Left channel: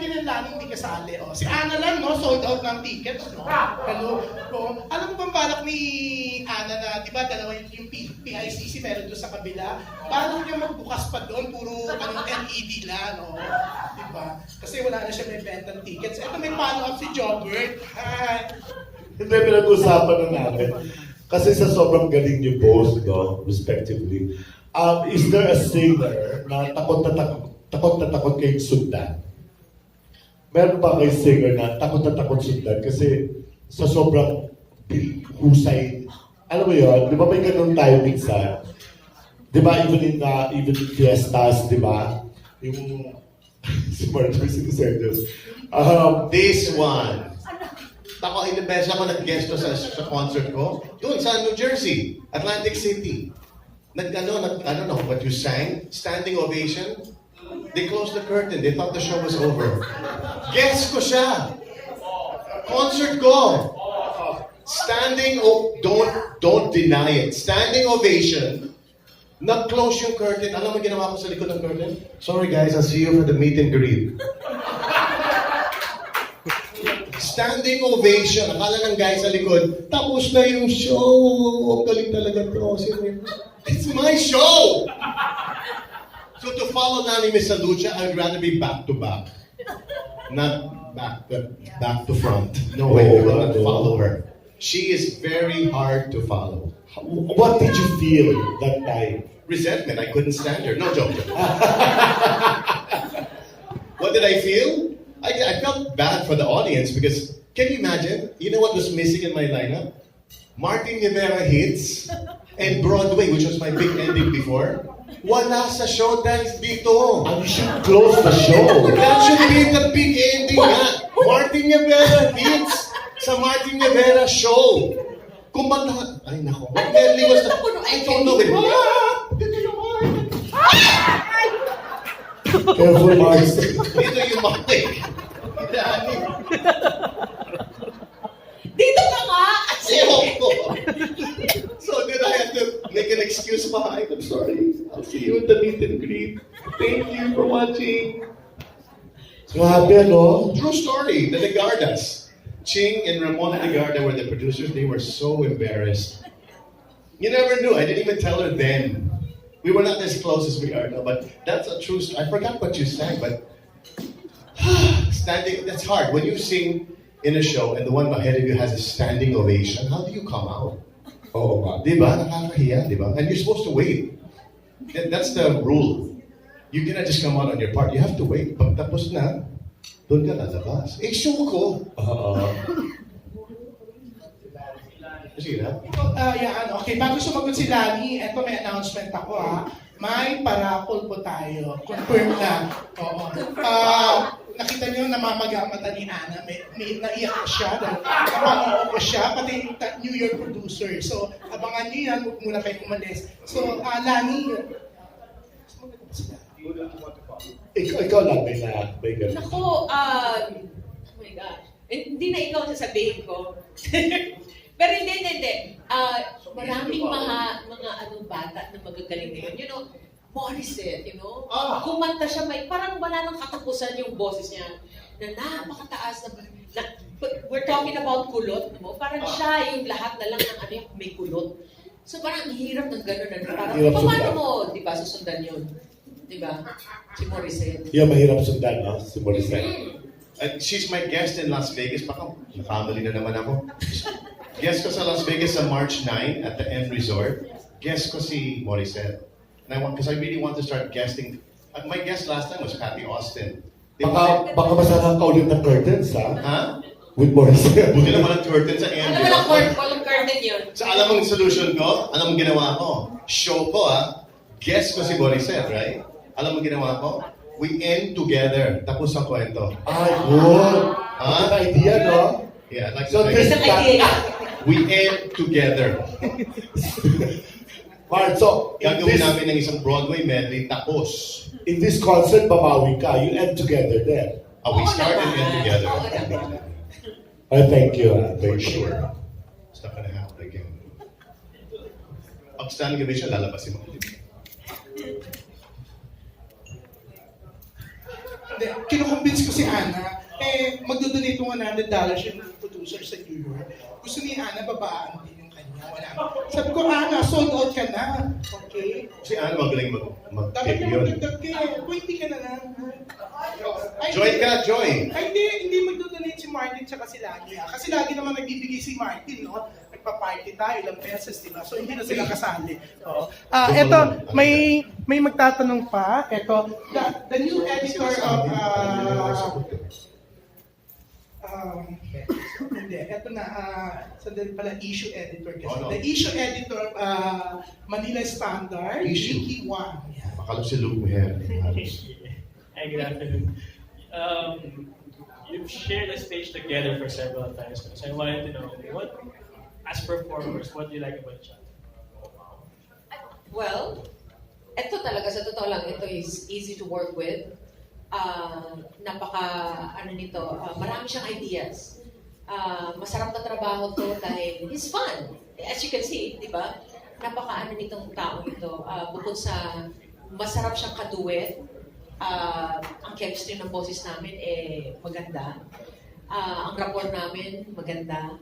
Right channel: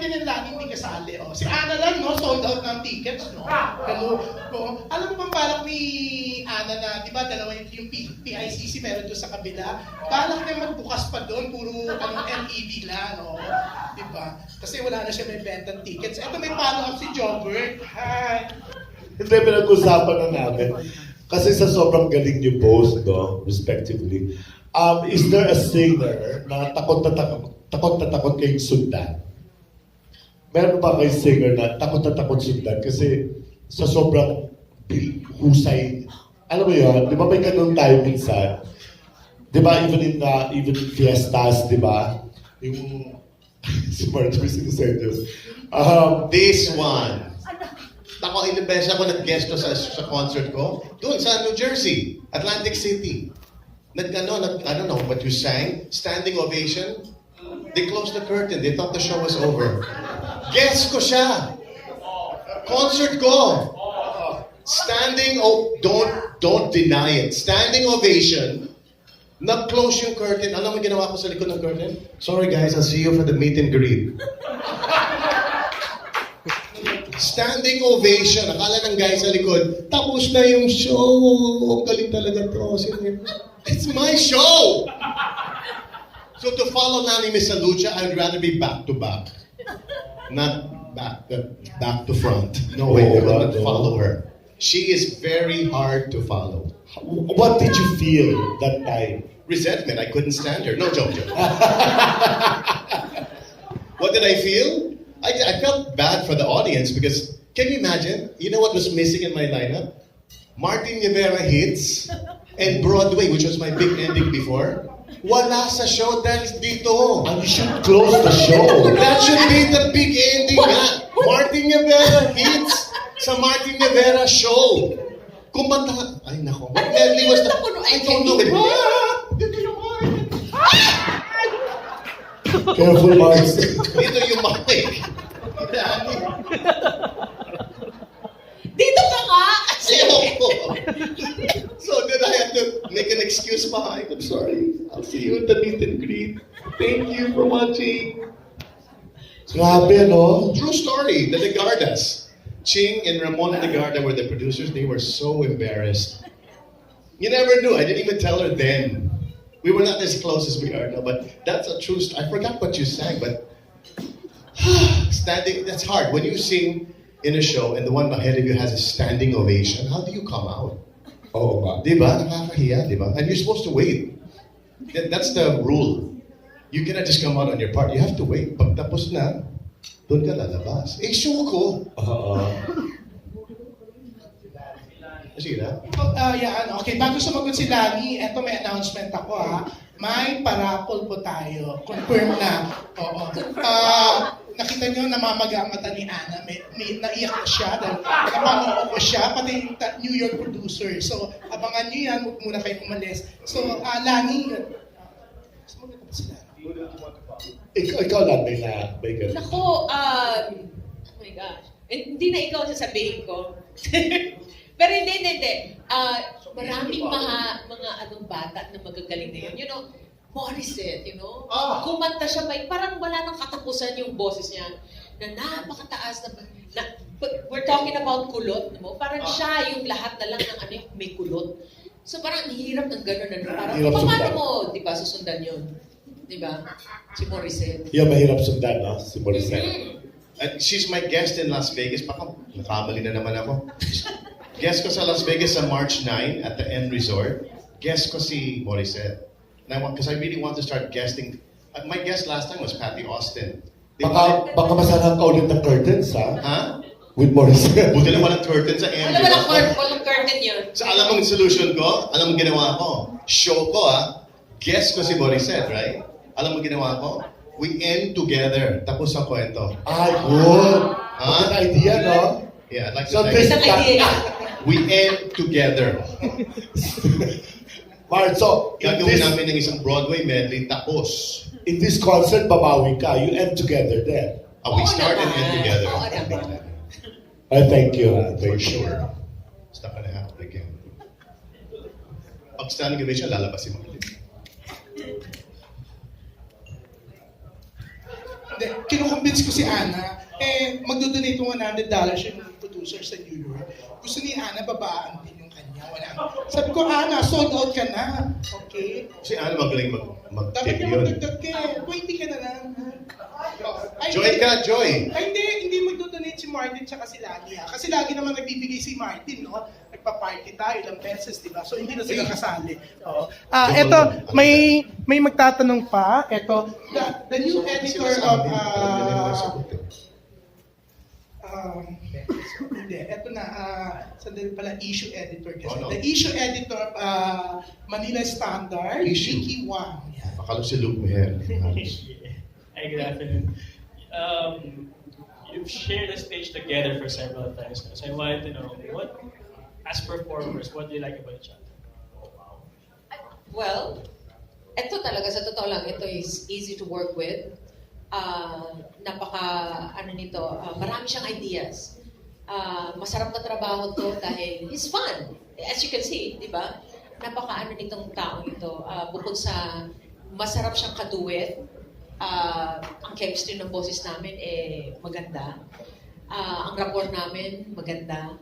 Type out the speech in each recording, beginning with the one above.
Martin and Lani hindi kasali. Oh. Si Ana lang, no? Sold out ng tickets, no? Hello. No? Alam mo bang balak ni Ana na, di ba, dalawa yung PICC meron doon sa kabila? Balak niya magbukas pa doon, puro LED lang, no? Di ba? Kasi wala na siya may bentang tickets. Ito may follow-up si Jobert. Hi! Hindi, pinag-usapan na namin. Kasi sa sobrang galing niyo both, no? Respectively. Is there a singer na takot na takot kayong sundan? Meron pa kayo singer na takot sundan kasi sa sobrang husay. Alam mo yun, di ba may ganun tayo minsan? Di ba even in fiestas, di ba? Yung si Marjorie Sinisendos. This one. Ako, inibesa ako, nag-guest ko sa concert ko. Doon sa New Jersey, Atlantic City. I don't know what you sang. Standing ovation. They closed the curtain. They thought the show was over. Guest ko siya. Concert ko. Don't deny it. Standing ovation. Nag-close yung curtain. Alam mo ginawa ko sa likod ng curtain? Sorry guys, I'll see you for the meet and greet. Standing ovation. Akala ng guy sa likod, tapos na yung show. Ang galing talaga to. It's my show! So to follow Lani Misalucha, I'd rather be back to back. Not back to front. No way, I will not follow her. She is very hard to follow. What did you feel that time? Resentment. I couldn't stand her. No joke. What did I feel? I felt bad for the audience because, can you imagine? You know what was missing in my lineup? Martin Nievera hits and Broadway, which was my big ending before. Wala sa show dahil dito. And you should close the show. That should be the big ending nga. Martin Nievera hits sa Martin Nievera show. Kumanta. Ay nako. What medley was that? I don't know. Careful, Mars. Dito yung mic. Dito ka nga! Ayoko. So then I had to make an excuse behind. I'm sorry. I'll see you at the meet and greet. Thank you for watching. Grabe, no? True story. The Legardas. Ching and Ramon Legarda were the producers. They were so embarrassed. You never knew. I didn't even tell her then. We were not as close as we are now, but that's a true story. I forgot what you sang, but standing, that's hard. When you sing in a show and the one ahead of you has a standing ovation, how do you come out? Oh, Diba? Nakakahiya, diba? And you're supposed to wait. That's the rule. You cannot just come out on your part. You have to wait. Pag tapos na, doon ka lalabas. Eh, show ko. Sige na. Okay, bago sumagot si Lani, eto may announcement ako ha. May parapol po tayo. Confirm na. Oo. Nakita niyo namamaga ang mata ni Ana. May naiyak na siya. Napamamaw ko siya. Pati yung New York producer. So, abangan niyo yan. Huwag muna kayo umalis. So, Lani, ikaw lang may ganun. Nako, oh my gosh. Hindi na ikaw sasabihin ko. Pero hindi. Maraming mga bata na magagaling na yun. You know, Morissette, you know? Kumanta siya, parang wala nang katapusan yung boses niya. Na napakataas na we're talking about kulot, no? Parang siya yung lahat na lang ng may kulot. So parang ang hirap ng gano'n. Parang, paano mo, di ba, susundan yun? Di ba? Si Morissette. Yeah, mahirap sundan, no? Si Morissette. She's my guest in Las Vegas. Baka nakamali na naman ako. Guest ko sa Las Vegas sa March 9 at the End Resort. Guest ko si Morissette. Because I really want to start guesting. My guest last time was Patty Austin. Baka masarap ka ulit ng curtains, ha? Ha? With Morissette. Buti naman ang curtain sa End Alam mo Resort. walang curtain yun. So alam mo yung solution ko? Alam mo ginawa ko? Show ko guest ko si Morissette, right? Alam mo ginawa ko? We end together. Tapos ang kwento. Ay, good. Huh? Good idea, no? Yeah, I'd like So to this Isang idea. We end together. Mark, so Gagawin namin ng isang Broadway medley tapos. in this concert, babawi ka. You end together there. We start and end together. Thank you. For sure. It's not gonna happen again. Pag standing ovation, lalabas si Martin. kinukumbins ko si Ana, magdodonate ng $100 yung producer sa New York. Gusto ni Ana, babaan din yung kanya. Wala. Sabi ko, Ana, sold out ka na. Okay? Si Ann magaling Dapat mag-tip niya yun. magdagdag ka. 20 ka na lang. Joy ka, Joy! Ay, hindi magdodonate si Martin tsaka si Lani. Kasi lagi naman nagbibigay si Martin, no? Nagpa-party tayo, ilang beses, di ba? So, hindi na sila kasali. Oo. Eto, may magtatanong pa. Eto, the new editor of... hindi, eto na, sandali pala, issue editor kasi. Oh, no. The issue editor of Manila Standard, Issue. Vicky Wang. Yeah. Akala si Luke Meher. Hi, good afternoon. You've shared the stage together for several times now, so I wanted to know, what, as performers, what do you like about Chat? Well, ito talaga, sa totoo lang, ito is easy to work with. Marami siyang ideas. Masarap na trabaho to dahil he's fun. As you can see, di ba? Nitong taong ito. Bukod sa masarap siyang kaduet, ang chemistry ng boses namin maganda. Ang rapport namin maganda.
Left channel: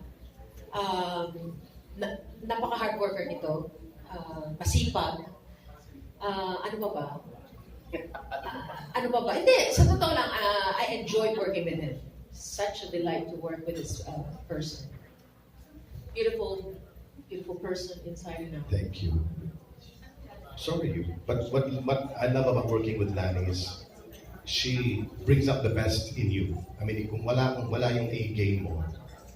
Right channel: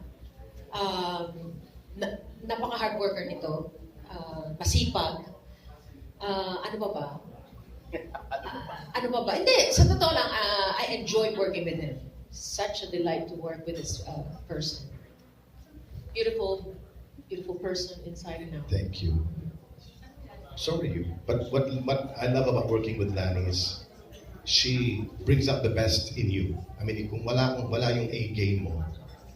Napaka-hard worker nito. Masipag. Ano ba? Hindi, sa totoo lang, I enjoyed working with him. Such a delight to work with this person. Beautiful person inside and out. Thank you. So are you. But what I love about working with Lani is she brings out the best in you. I mean, kung wala yung A game mo,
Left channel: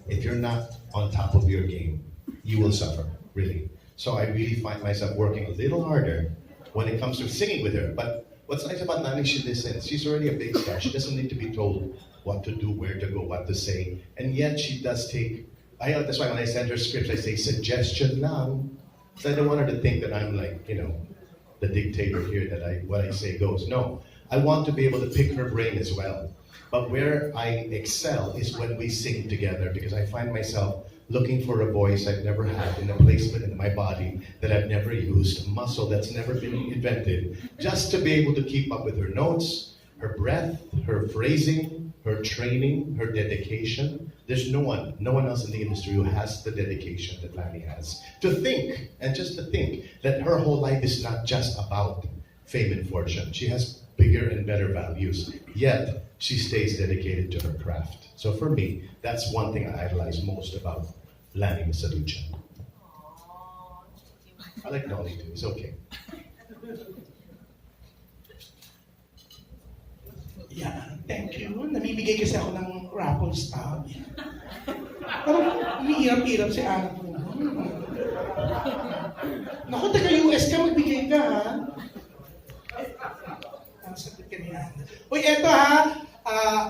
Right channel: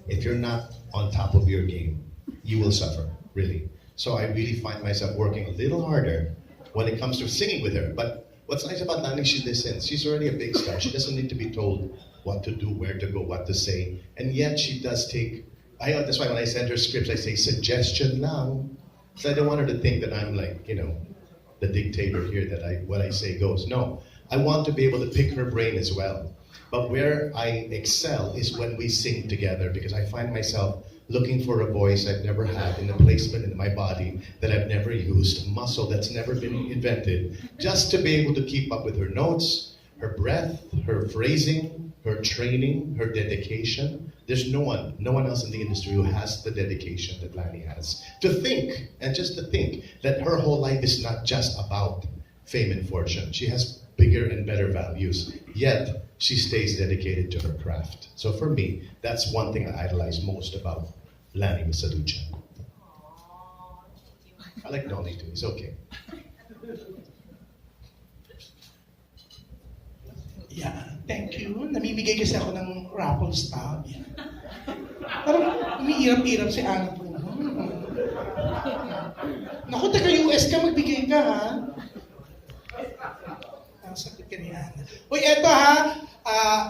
if you're not on top of your game, you will suffer, really. So I really find myself working a little harder when it comes to singing with her. But what's nice about Lani, she listens. She's already a big star. She doesn't need to be told what to do, where to go, what to say. And yet she does take, that's why when I send her scripts, I say suggestion now. So I don't want her to think that I'm like, the dictator here, that what I say goes. No, I want to be able to pick her brain as well. But where I excel is when we sing together, because I find myself looking for a voice I've never had, in a placement in my body that I've never used, a muscle that's never been invented, just to be able to keep up with her notes, her breath, her phrasing, her training, her dedication. There's no one else in the industry who has the dedication that Lani has. To think, and just to think, that her whole life is not just about fame and fortune. She has bigger and better values, yet she stays dedicated to her craft. So for me, that's one thing I idolize most about Lani Misalucha. I like Nolly too, it's okay. Yeah, thank you. Namimigay kasi ako ng raffle stub. Parang umiirap-irap si Ana po. Naku, taga-US ka, magbigay ka, ha? Ang sakit ka ni Ana. Uy, eto ha,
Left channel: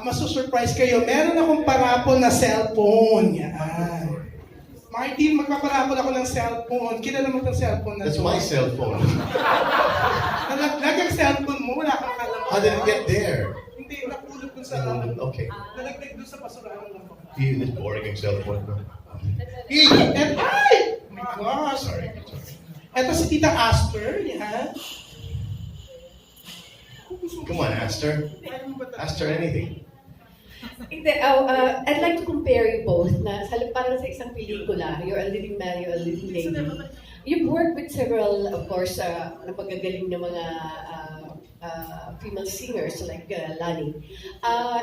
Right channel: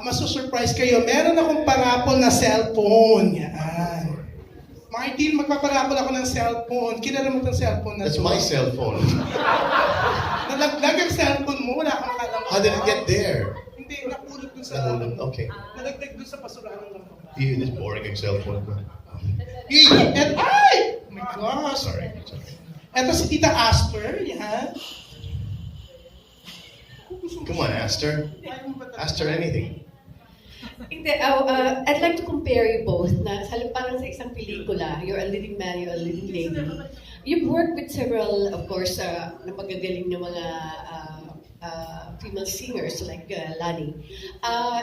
masusurprise kayo. Meron akong parapol na cellphone. Yan. Martin, magpaparapol ako ng cellphone. Kilala mo itong cellphone na That's to? my cell phone. Nalaglag ang cellphone mo, wala kang kalam. How did it get there? Hindi, napulot dun sa... Okay. Nalaglag dun sa basurahan lang. This boring cell phone. Ay! Oh my gosh! Sorry. Eto si Tita Asper, yan. Come on, Aster. Aster anything. I'd like to compare you both na parang sa isang pelikula, you're a living man, you're a living lady. You've worked with several, of course, napagagaling na mga female singers like Lani.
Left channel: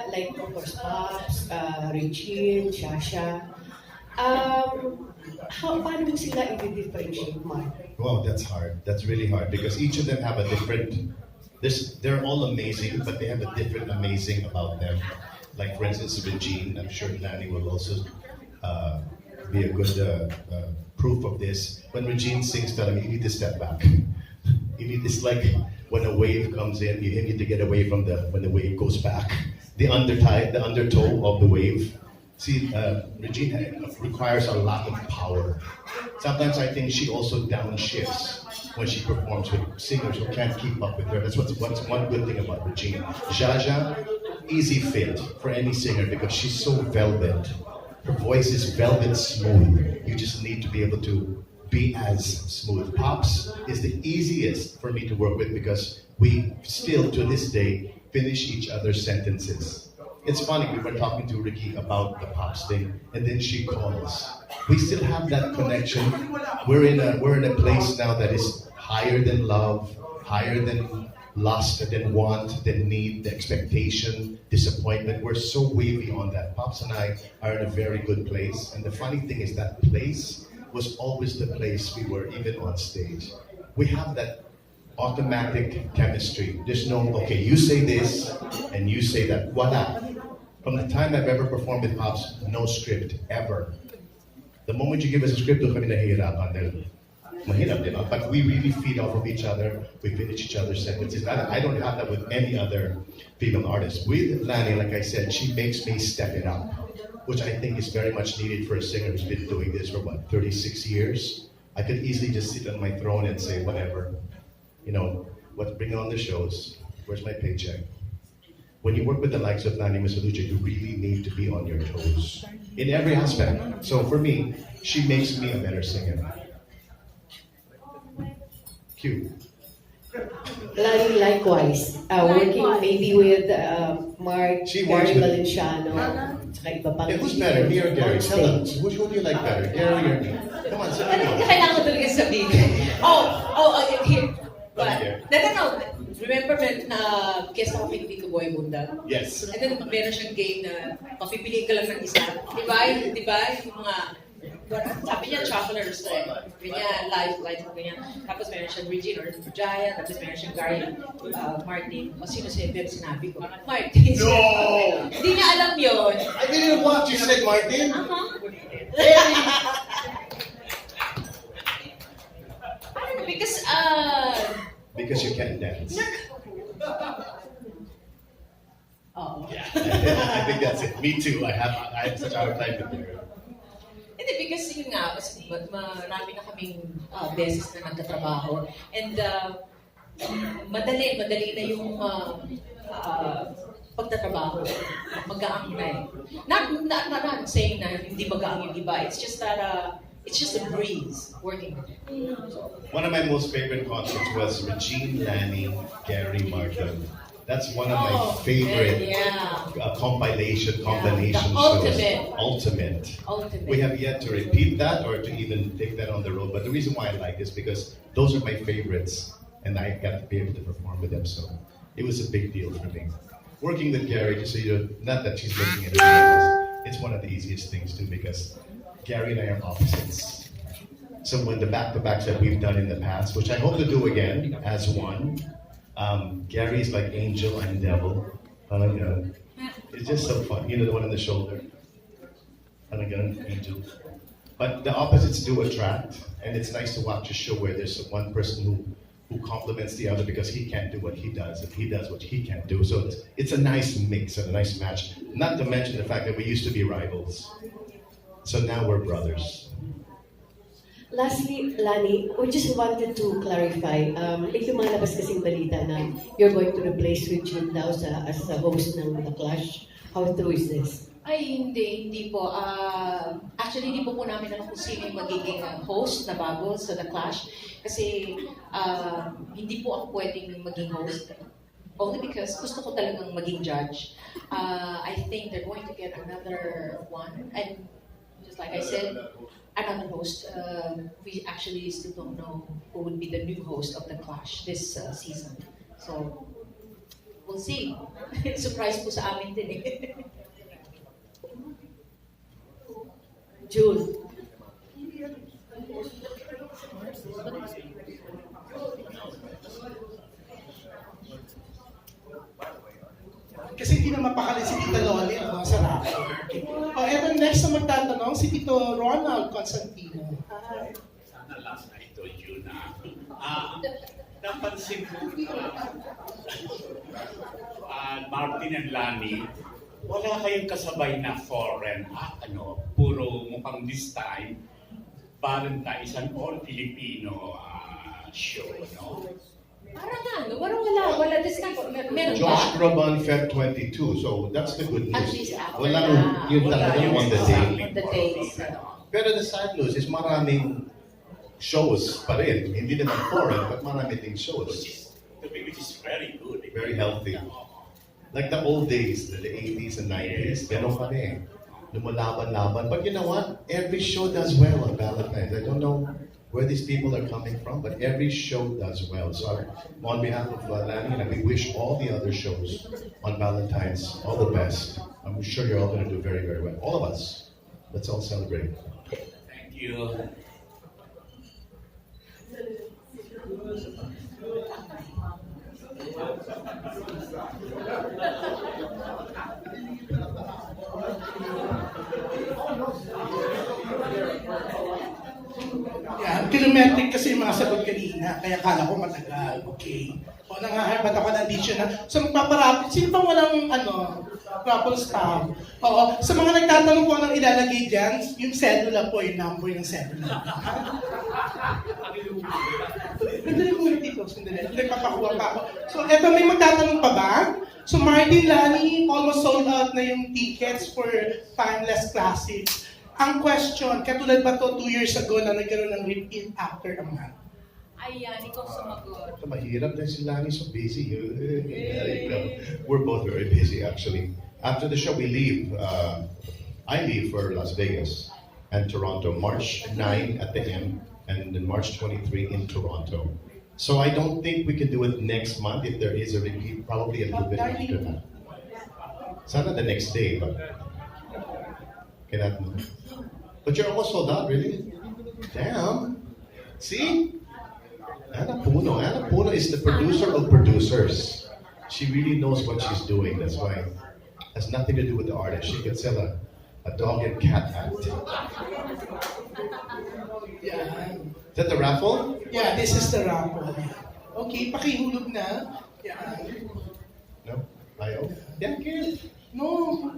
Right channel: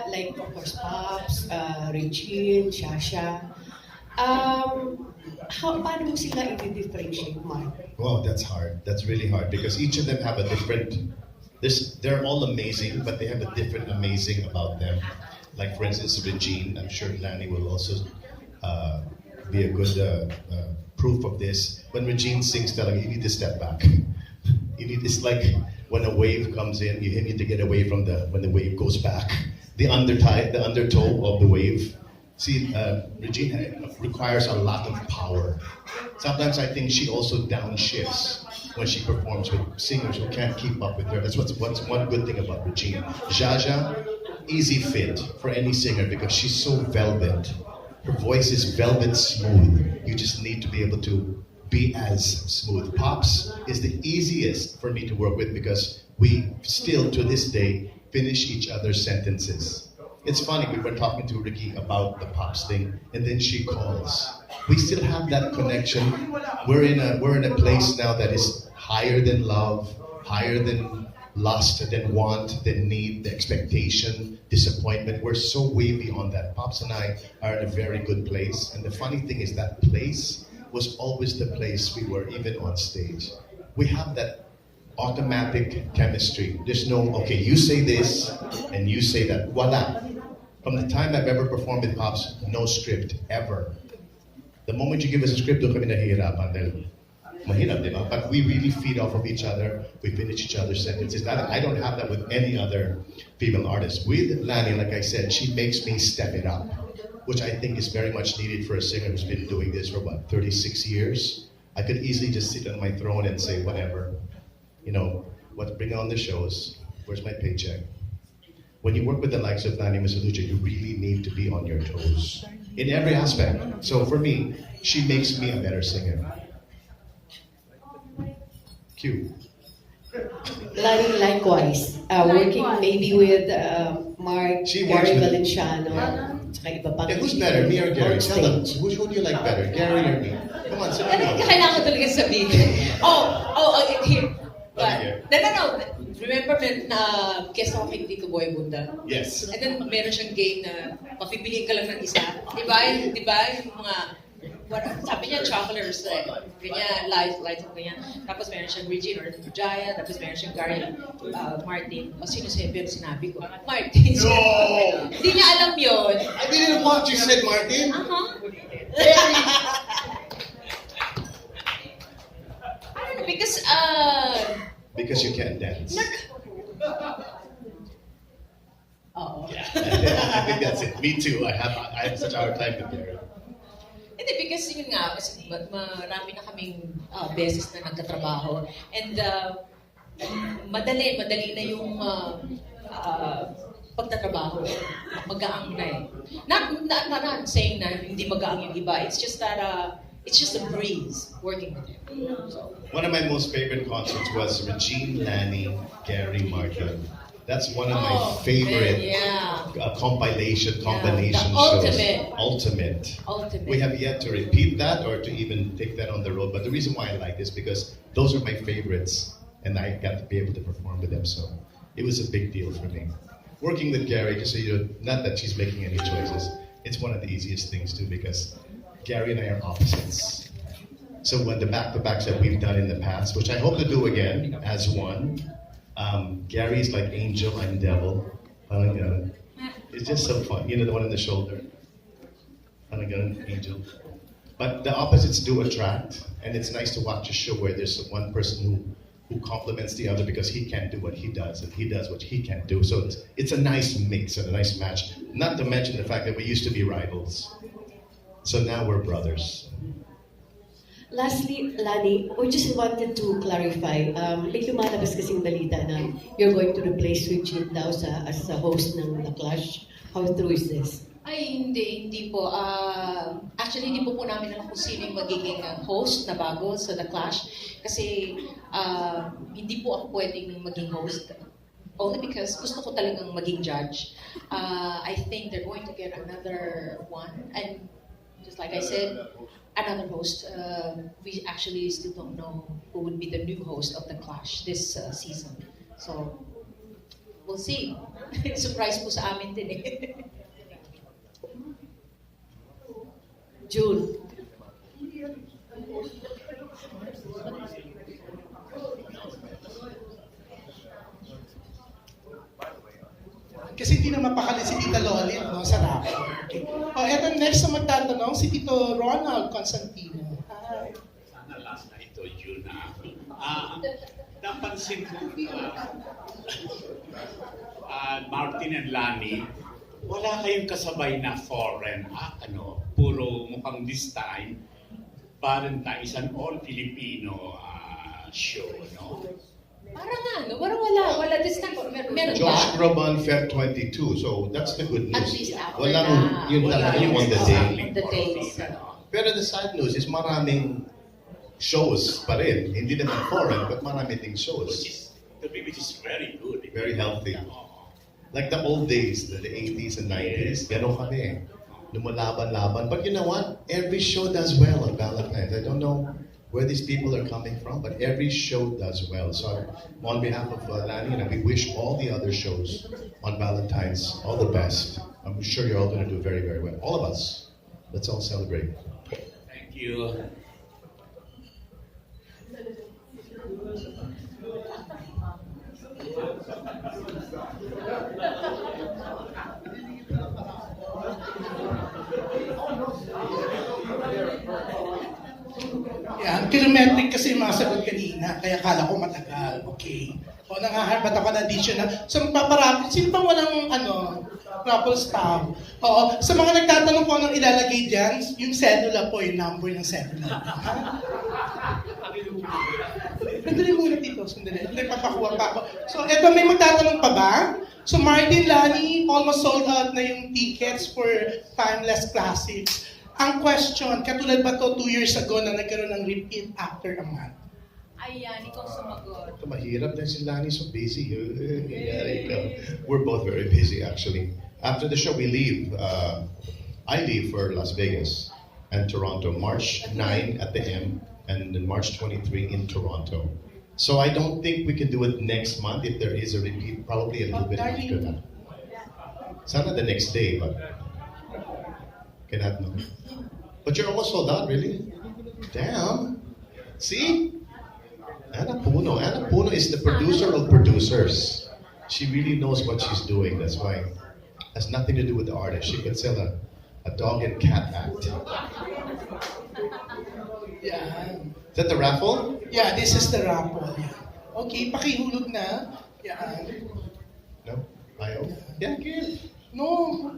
Like, of course, Pops, Regine, Shasha. Paano mo sila i-differentiate, Mark? Wow, that's hard. That's really hard because each of them have a different. They're all amazing, but they have a different amazing about them. Like for instance, Regine. I'm sure Lani will also be a good proof of this. When Regine sings, you need to step back. It's like when a wave comes in, you need to get away from when the wave goes back. The undertow of the wave. See, Regine requires a lot of power. Sometimes I think she also downshifts when she performs with singers who can't keep up with her. That's what's one good thing about Regine. Jaja, easy fit for any singer because she's so velvet. Her voice is velvet smooth. You just need to be able to be as smooth. Pops is the easiest for me to work with because we still, to this day, finish each other's sentences. It's funny, we were talking to Ricky about the Pops thing, and then she calls. We still have that connection. We're in a place now that is higher than love, higher than lust, than want, than need, the expectation, disappointment. We're so way beyond that. Pops and I are in a very good place. And the funny thing is that place was always the place we were, even on stage. We have that automatic chemistry. There's no, okay, you say this, and you say that. Voila. From the time I've ever performed with Pops, no script, ever. The moment you give us a script, doon kami nahihirapan dahil mahirap, di ba? But we really feed off of each other. We finish each other's sentences. I don't have that with any other female artist. With Lani, like I said, she makes me step it up, which I think is very much needed for a singer who's been doing this for, 36 years. I could easily just sit on my throne and say, whatever. You know, bring on the shows. Where's my paycheck? When you work with the likes of Lani Misalucha, you really need to be on your toes in every aspect. So for me, she makes me a better singer. Q. Lani, likewise. Working maybe with Mark, She works Gary with- Valenciano, Yeah. tsaka iba pa. Yeah, who's better, me or Gary? On Tell them. stage. Who do you like better, Gary or me? Come on, sabi mo. Kailangan ko talaga sabihin. Here. But, no. Remember, guest ako kay Tito Boy Bunda? Yes. And then, meron siyang game na papipiliin ka lang ng isa. Diba? Yung mga, sabi niya, travelers, ganyan, life, ganyan. Tapos meron siyang Regine or Jaya, tapos meron siyang Gary, Martin. O sino sinabi ko? Martin. No! Hindi niya alam yun. I didn't want you said, Martin. I don't know, Because you can't dance. Oh. I think that's it. Me too. I have such a hard time with Gary. Hindi, because yun nga, marami na kaming beses na nagkatrabaho. And madali na yung pagtatrabaho. Magaang na eh. Not saying na hindi magaang yung iba. It's just that, it's just a breeze working with him. So, One of my most favorite concerts was Regine, Lani, Gary, Martin. That's one of my favorite combination The shows. ultimate. We have yet to repeat that or to even take that on the road. But the reason why I like this because those are my favorites, and I got to be able to perform with them. So it was a big deal for me. Working with Gary, just so you know, not that she's making any noises, it's one of the easiest things too because Gary and I are opposites. So when the back-to-backs that we've done in the past, which I hope to do again as one, Gary is like angel, I'm devil. It's just so fun. You know, the one on the shoulder. Angel. But the opposites do attract, and it's nice to watch a show where there's one person who complements the other because he can't do what he does, and he does what he can't do. So it's a nice mix and a nice match. Not to mention the fact that we used to be rivals. So now we're brothers. Lastly, Lani, we just wanted to clarify. May lumalabas kasing balita na you're going to replace Regine daw as a host ng The Clash. How true is this? Ay, hindi po. Actually, hindi po namin alam kung sino yung magiging host na bago sa The Clash. Kasi hindi po ako pwedeng maging host. Only because gusto ko talagang maging judge. I think they're going to get another one. And just like I said, another host. We actually still don't know who would be the new host of The Clash this season. So, we'll see. Surprise po sa amin din eh. June. Kasi hindi na mapakali si Tita Loli sa racket. Okay. Eto next na magtatanong, si Tito Ronald Constantino. Last na ito, June. Napansin ko, Martin and Lani, wala kayong kasabay na foreign puro mukhang this time, Valentine, isang all-Filipino show, no? Parang wala this time. Meron Josh ba? Groban Feb 22, so that's the good At news. least after Walang na. yun talaga yung on the day. On the days. Pero the sad news is maraming shows pa rin. Hindi naman foreign, but marami ding shows. Which is very good. Very healthy. Like the old days, the 80s and 90s, ganon kami. Lumalaban-laban. But you know what? Every show does well on Valentine's. I don't know where these people are coming from, but every show does well. So on behalf of Lani, and we wish all the other shows on Valentine's all the best. I'm sure you're all going to do very, very well. All of us. Let's all celebrate. Thank you. Yan, kilometric kasi yung mga sagot kanina, kaya kala ko matagal. Okay. O nangaharap ako na additional. So magpaparapit, sino bang walang couple staff? Oo, sa mga nagtatanong po anong ilalagay dyan, yung cedula po, yung number ng cedula. Sandali muna dito, sandali. Papakuha pa ako. So eto, may magtatanong pa ba? So Martin, Lani, almost sold out na yung tickets for Timeless Classics. Ang question, katulad ba to 2 years ago na nagkaroon ng repeat after a month? Ayan, ikaw sumagot. Mahirap na si Lani, so busy. We're both very busy actually. After the show, we leave. I leave for Las Vegas and Toronto, March 9 at the M, and then March 23 in Toronto. So I don't think we can do it next month. If there is a repeat, probably a little bit after that. Sana the next day, but cannot. But you're almost sold out, really? Damn. See? Ana Puno is the producer of producers. She really knows what she's doing. That's why it has nothing to do with the artist. She can sell a dog and cat act. Yeah. Is that the raffle? Yeah, this is the raffle. Okay, pakihulog na. Yeah. No? Ayaw? Yeah, give. No.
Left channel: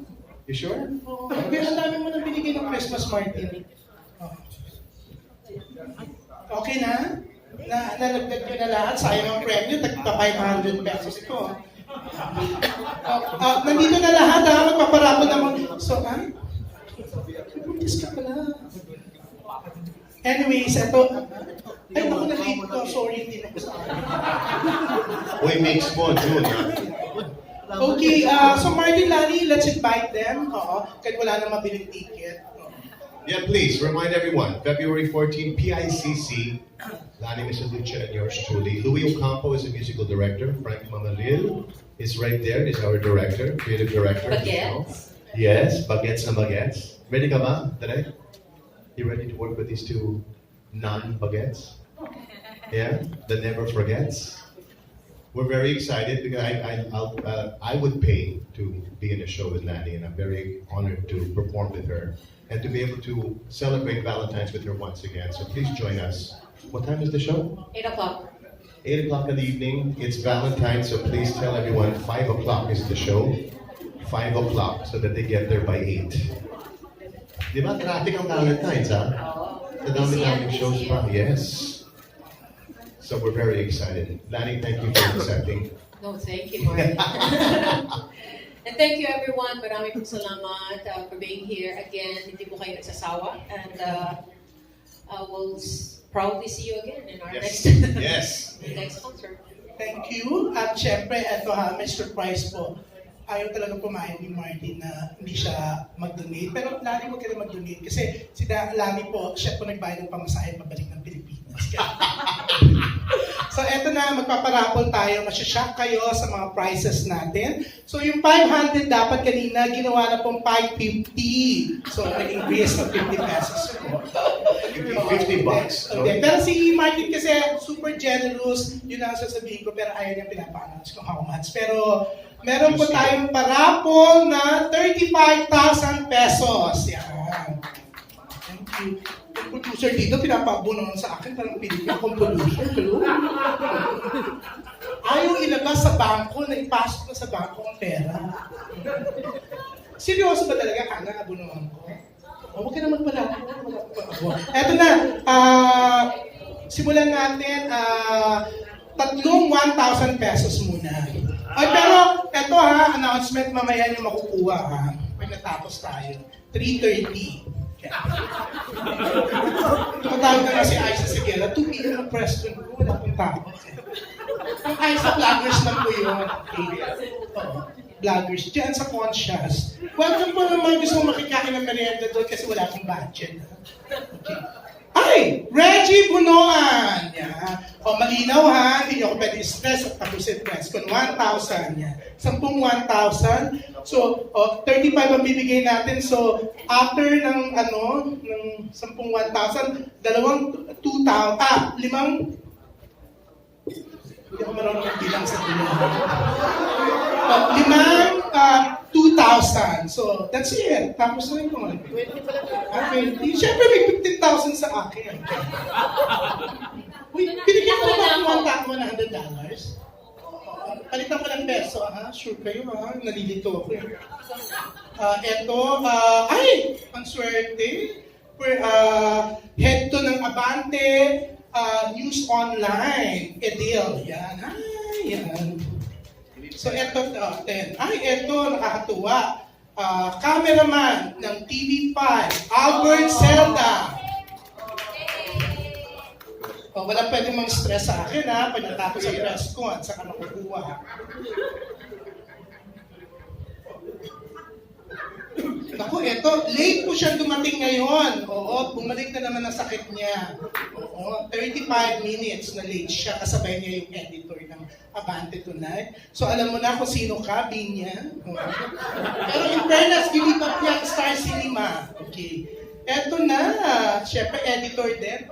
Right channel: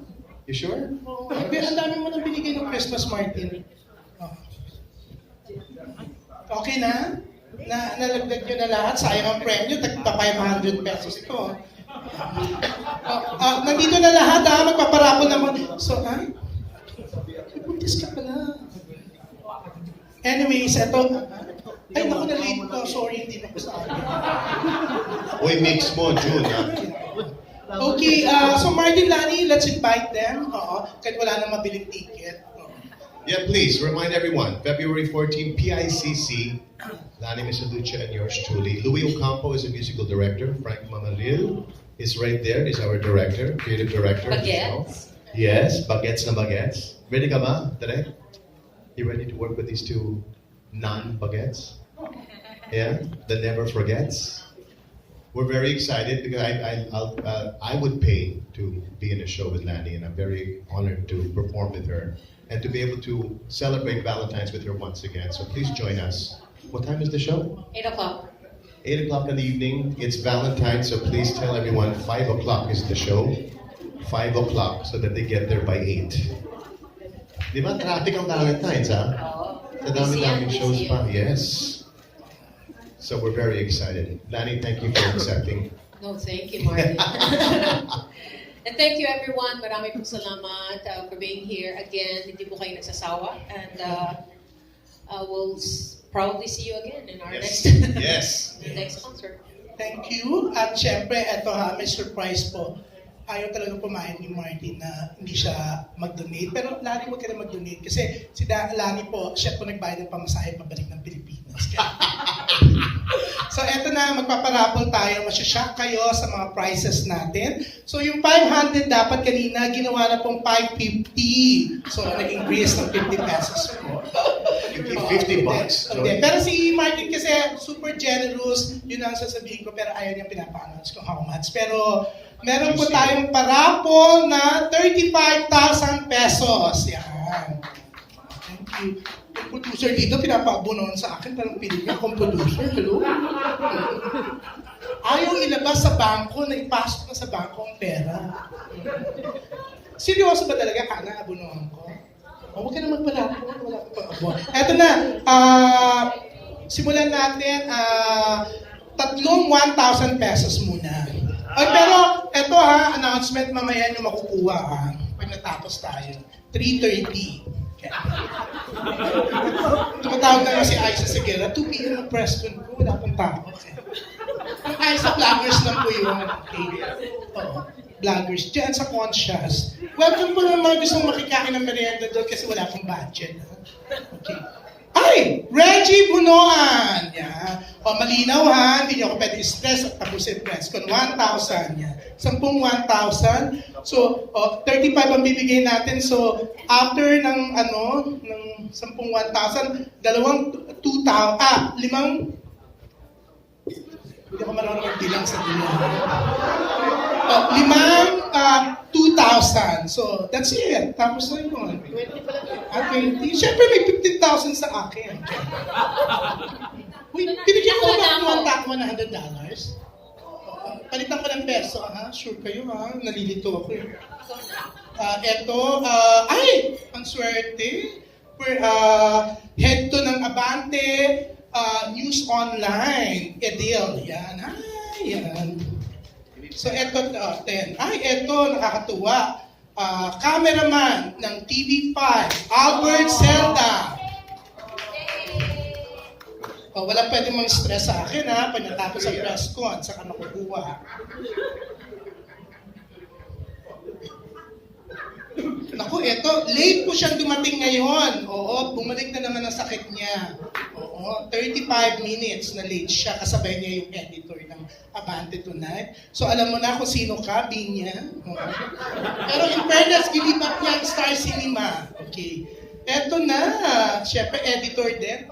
You sure? Oh, ang dami mo nang binigay ng Christmas, Martin. Oh. Okay na? Nalagdag nyo na lahat. Sayang ang premyo. Tagpa 500 pesos ito. Nandito na lahat ha. Magpaparapon naman. So, ay? Buntis ka pala. Anyways, ito. Ay, naku, na-late ko. Sorry, hindi na gusto. Uy, mix mo, June, ha? Okay, so Martin, Lani, let's invite them. Kahit wala nang mabiling ticket. Yeah, please, remind everyone, February 14, PICC, Lani Misalucha and yours truly. Louis Ocampo is the musical director. Frank Manalil is right there, is our director, creative director. Baguettes. Yes, baguettes na baguettes. Ready ka ba, Tere? You ready to work with these two non-baguettes? Yeah, the never forgets. We're very excited because I would pay to be in a show with Lani, and I'm very honored to perform with her and to be able to celebrate Valentine's with her once again. So please join us. What time is the show? 8 o'clock. 8 o'clock in the evening. It's Valentine's, so please tell everyone 5 o'clock is the show. 5 o'clock so that they get there by 8. Di ba? Traffic ang Valentine's, ha? Sa dami-daming shows pa. Yes. So we're very excited. Lani, thank you for accepting. No, thank you, Martin. And thank you, everyone. Maraming pong salamat for being here again. Hindi po kayo nagsasawa. And we'll probably see you again in our next next concert. Thank you. At syempre, eto ha, Mr. Price po. Ayaw talaga pumayag ni Martin na hindi siya mag-donate. Pero Lani, huwag ka na mag-donate. Kasi si Lani po, siya po nagbayad ng pamasahe pabalik ng Pilipinas. So eto na, magpaparapol tayo. Masyashock kayo sa mga prices natin. So yung 500 dapat kanina, ginawa na pong 550. So nag-increase ng 50 pesos. $50. Okay. Pero si Martin kasi super generous. Yun ang sasabihin ko. Pero ayaw niyang pinapa-announce kung how much. Pero meron po tayong parapol na 35,000 pesos. Yan. Thank you. Yung producer dito, pinapaabunan sa akin, parang pinig akong producer. Hello? Ayaw ilabas sa bangko, na ipasok na sa bangko ang pera. Seryoso ba talaga, Kana, abunuhan ko? Huwag ka naman pala. Eto na, simulan natin, tatlong 1,000 pesos muna. Ay, pero, eto ha, announcement mamaya nyo makukuha ha. Pag natapos tayo. 3:30. Tumatawag na si Aiza Seguera, 2 p.m. ang press con ko, wala akong tao. Ang Aiza Vloggers lang po yun. Okay. Oo. vloggers dyan sa Conscious. Welcome po naman gusto mo makikain ng merienda doon kasi wala akong budget. Okay. Ay! Reggie Bunoan! Yeah. O, malinaw ha, hindi nyo ako pwede stress at tapusin press con 1,000. Yeah. 10 1,000. So, 35 ang bibigay natin. So, after ng ng 10 1,000, dalawang 2,000, limang, hindi ako marunong magbilang sa dulo. Limang 2,000. So, that's it. Tapos na yun. 20. Siyempre, may 15,000 sa akin. Uy, pinigyan ko na $100. Palitan ko ng peso, ha? Sure kayo, ha? Nalilito ako. Ay! Ang swerte. Head to ng Abante, News Online, Edil. Yan. Ay, yan. So, eto, 10. Ay, eto, nakakatuwa. Cameraman ng TV5, Albert Zelda. Wala pwedeng mag-stress sa akin, ha? Pagkatapos sa press con, saka nakukuha. Naku, eto, late po siyang dumating ngayon. Oo, bumalik na naman ang sakit niya. Oo, 35 minutes na late siya, kasabay niya yung editor ng Abante Tonight. So alam mo na kung sino ka, Binya. Pero in fairness, gilipat niya ang Star Cinema. Okay. Eto na, syempre editor din.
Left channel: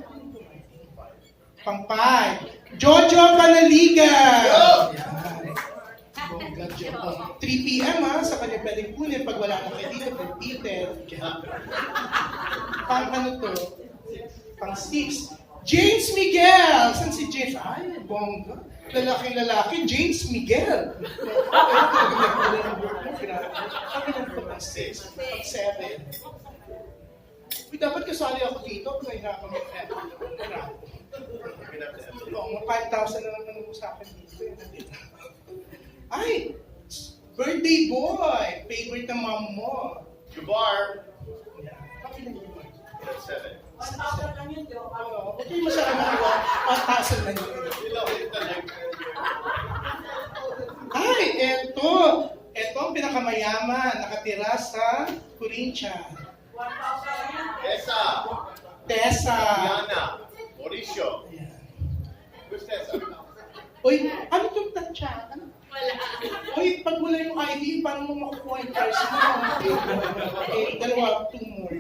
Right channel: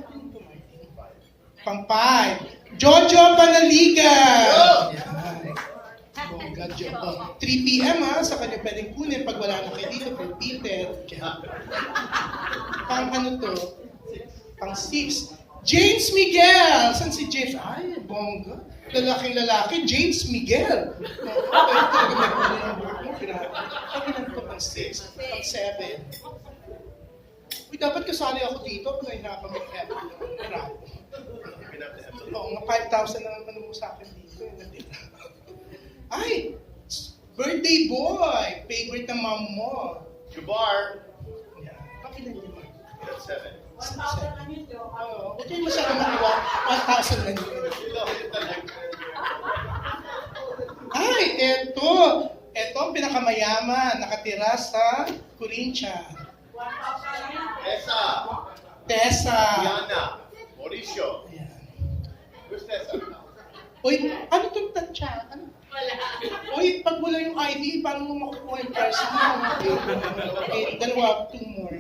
Pampay. Jojo Panaliga. Yan. Bongga, Jojo. 3 p.m. ha, sa kanya pwedeng kunin pag wala na kayo dito for Peter. Pang ano to? Pang 6. James Miguel! Saan si James? Ay, bongga. Lalaking lalaki, James Miguel. Ay, talaga may pala ng work mo. Pakinan ko pang 6, pang 7. Uy, dapat kasali ako dito kung nahihirapan mag-effort. Oo, 5,000 lang ang mo sa akin dito. Ay! Birthday boy! Favorite ng mom mo. Jubar, Yeah. Pakilan niyo ba? 7. 1,000 lang yun, Joe. Oo. Okay, masarap maniwa. 1,000 na yun. Ay, eto! Eto ang pinakamayaman. Nakatira sa Corinthians. 1,000 lang yun. Esa, Tessa. Diana, Mauricio. Ayan. Who's Tessa? Uy, ano itong tansya? Ano? Uy, pag wala yung ID, paano mo makukuha yung person mo? Okay, dalawa, 2 more.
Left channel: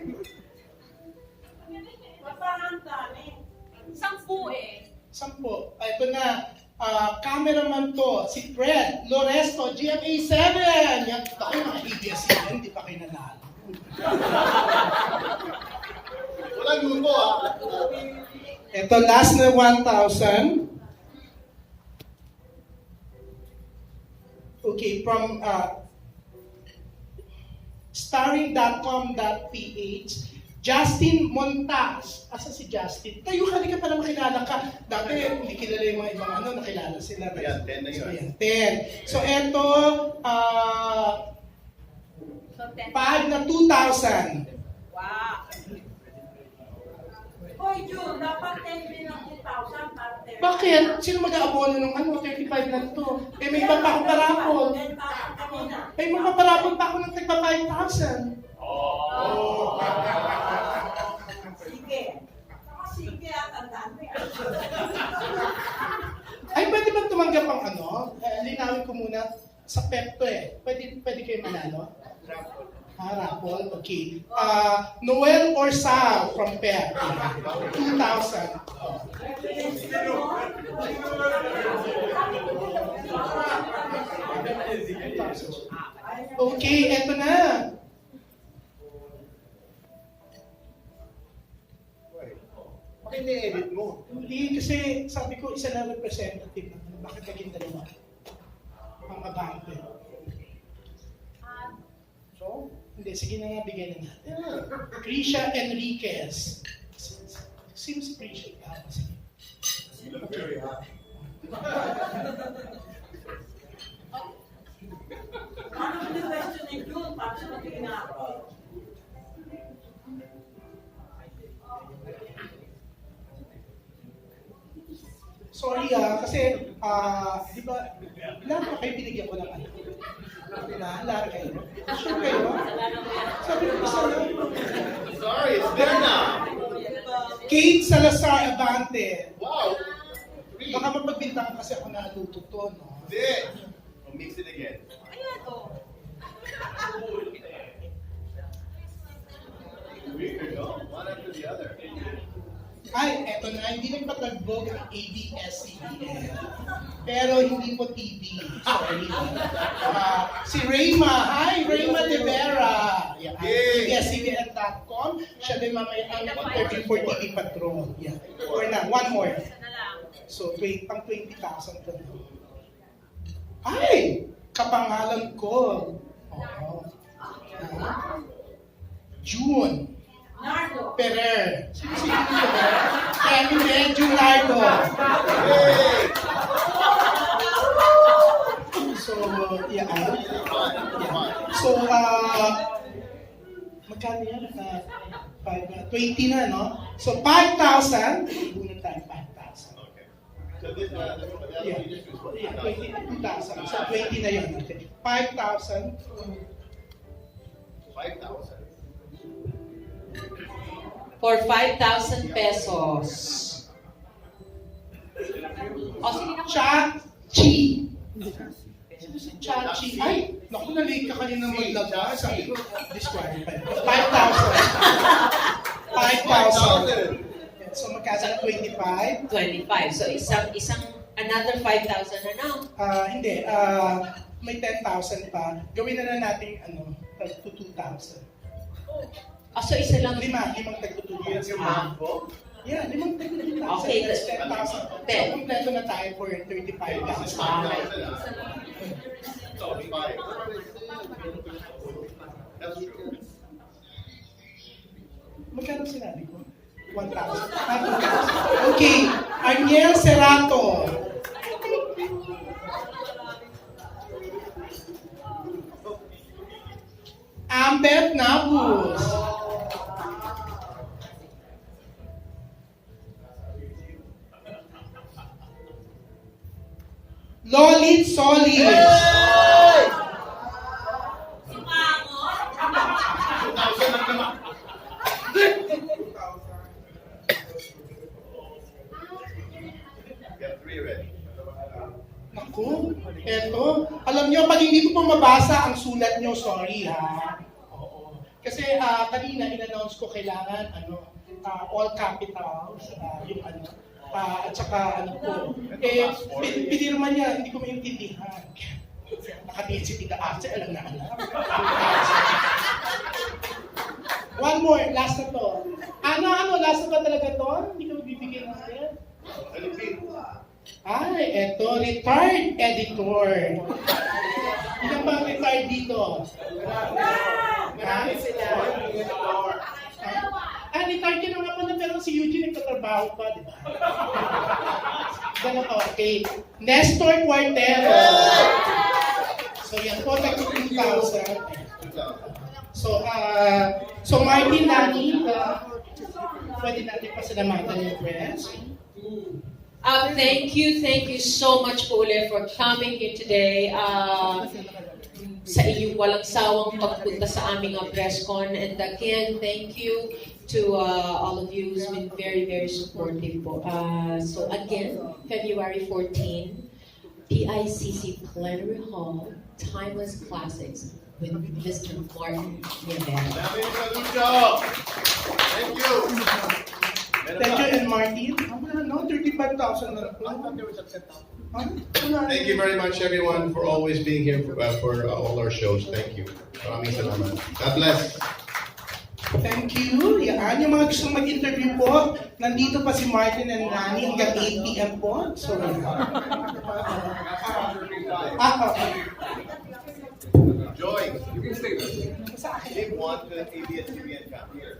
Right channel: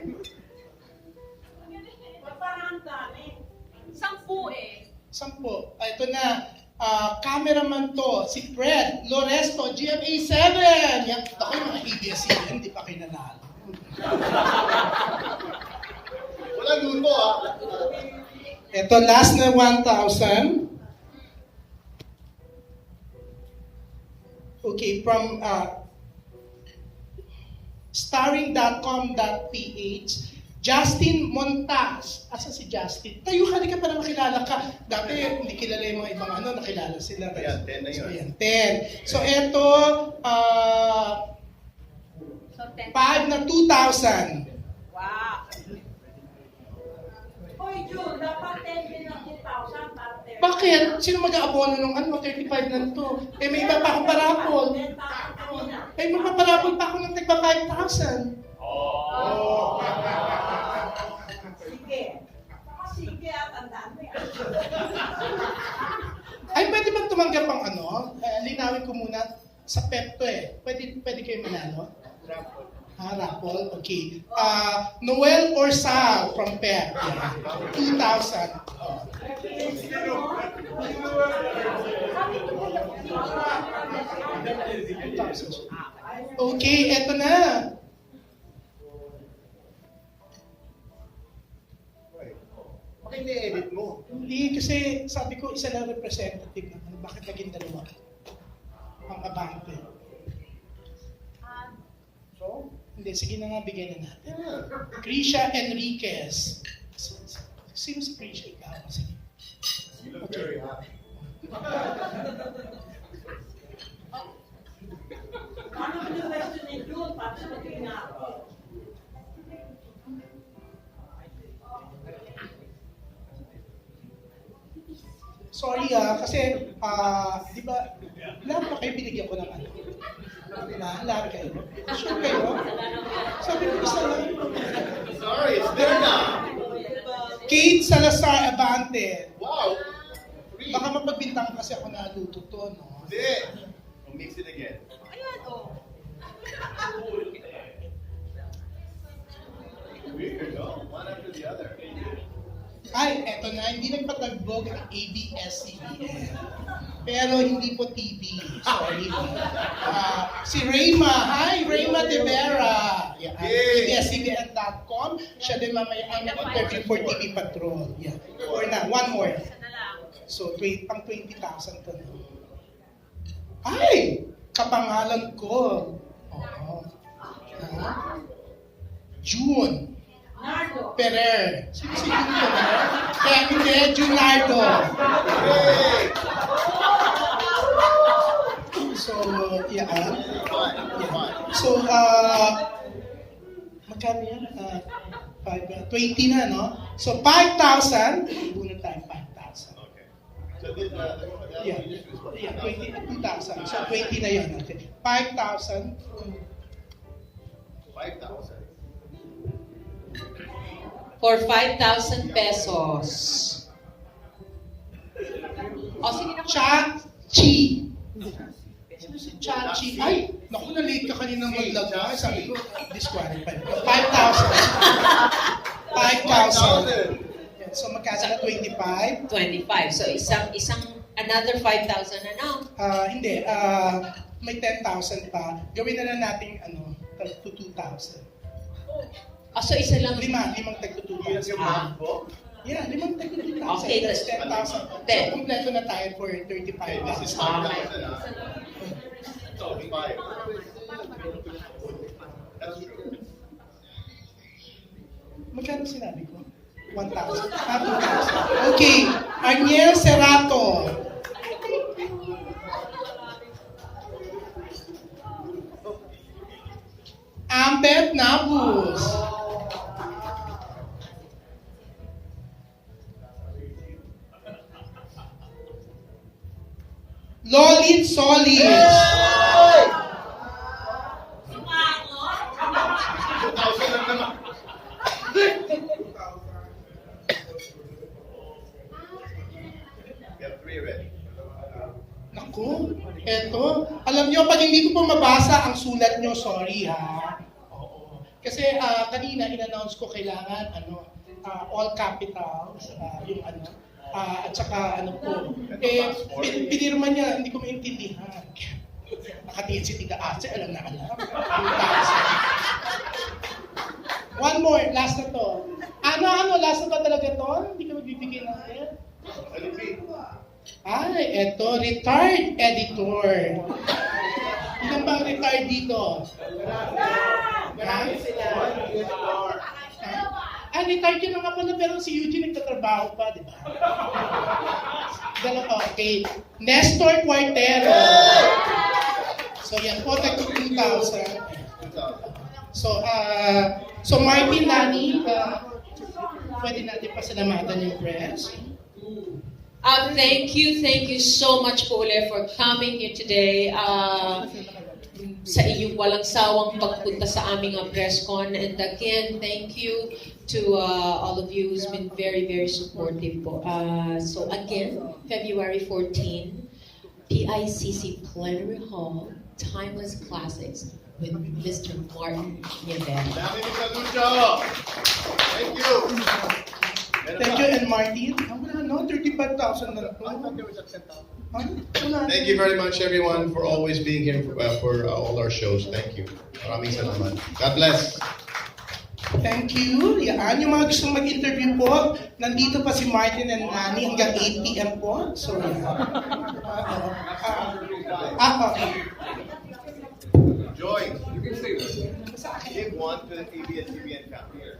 Parang dami. 10 eh. 10. Ito na, cameraman to, si Fred Loresto, GMA 7. Yan, ako yung mga ABS-CBN, hindi pa kayo nanalo. Walang luto ah. Ito, last na 1,000. Okay, from starring.com.ph, Justin Montas. Asa si Justin? Tayo ka, di ka pala makilala ka. Dati, hindi kilala yung mga ibang nakilala sila. Ayan, 10 na yun. So, ayan, 10. So, ito, So, 10. 5 na 2,000. Wow. Hoy, Joe, dapat 10 bilang 2,000 para 10. Bakit? Sino mag-aabono ng 35 lang to? Eh, may iba pa akong parapol. 10,000 kanina. May magpaparapol pa ako ng tagpa 5,000. Sige. Sige, at ang dami. Ay, pwede bang tumanggap ang linawin ko muna sa PEP to eh. Pwede kayo manalo? Raffle? Okay. Noel or Sal from PEP. 2,000. Oh. Okay, eto na. Bakit ni-edit mo? Hindi, kasi sabi ko isa lang representative naman. Bakit naging dalawa? Ang abante. So? Hindi, sige na nga, bigyan na natin. Yeah. Krisha Enriquez. Sino si Krisha? Sige. You look very happy. Ano ba yung question ni Joe? Tapos magiging ako. Sorry kasi, di ba, lahat na kayo binigyan ko ng ano. Diba? Larga yun. Sure kayo? Sabi ko isa lang. Sorry, it's there now. Kate Salazar Abante. Wow. Three. Baka mapagbintangan kasi ako naluto to, no? Hindi. Oh, mix it again. Ayan, oh. Weird, no? One after the other. Ay, eto na, hindi nagpatagbog ang ABS-CBN. Pero hindi po TV. Sorry. Si Rayma. Hi, Rayma Nievera. Yeah, Yay! ABS-CBN.com. Siya din mamaya ang interview for TV Patrol. Yeah. Or na, one more. So, pang 20,000 ka na. Ay! Kapangalan ko. Oo. June. Perer. Sino si June Perer? Kaya hindi, June Lardo. Yay! So, yeah. Fine. So, magkano yan? 20 na, no? So, 5,000. Bunot tayo, 5,000. Okay. So this, the other Yeah. one you just was what? 2,000. So, 20 na yun. Okay. 5,000. 5,000. For 5,000 pesos. O, sige na. Chachi. Sino si Chachi? Ay, naku, na-late ka kanina mag-log. Sabi ko, disqualified. 5,000. 5,000. So, magkano na 25? 25. So, another 5,000 na now. Hindi. May 10,000 pa. Gawin na lang natin, to 2,000. So isa lang. Limang tag to Yan 2,000. yung math ko. Yeah, limang tag to 2,000. Okay, That's that's 10,000. So, 10. kompleto na tayo for Okay, this is 35,000. 5,000, huh? So, 5. That's true. Magkano sinabi ko? 1,000. 2,000. Okay. Arniel Serrato. Ambet Nabus. Lolit Solis. 2,000 lang naman. You have 3 ready. Naku, eto. Alam nyo, pag hindi ko pa mabasa ang sulat nyo, sorry ha. Oo. Kasi kanina in-announce ko kailangan all capitals, yung at saka ko. Pinirma niya, hindi ko maintindihan. Nakatingin si Tita Ase, alam na alam. One more, last na to. Last na ba talaga to? Hindi ka magbibigay natin? Repeat. Ay, eto, retired editor. Ilan bang retired dito? Ha? Retired yun nga pala, pero si Eugene nagtatrabaho pa, di ba? Ganun, okay. Nestor Cuartero. So, yan po, tag 2,000. 2,000. So Martin, Lani, pwede natin pasalamatan yung press. Thank you so much po ulit for coming here today. Sa iyong walang sawang pagpunta sa aming press con. And again, thank you to all of you who's been very, very supportive po. So again, February 14, PICC Plenary Hall, Timeless Classics with Mr. Martin Nievera. Lani Misalucha. Thank you. Thank you, and Martin. No, 35,000 na I thought there was a 10,000. Thank you very much, everyone, for always being here for all our shows. Thank you. Maraming salamat. God bless. Thank you. Yan, yung mga gustong mag-interview po, nandito pa si Martin and Lani hanggang 8 p.m. po. So, Joy. Give one to the ABS-CBN family.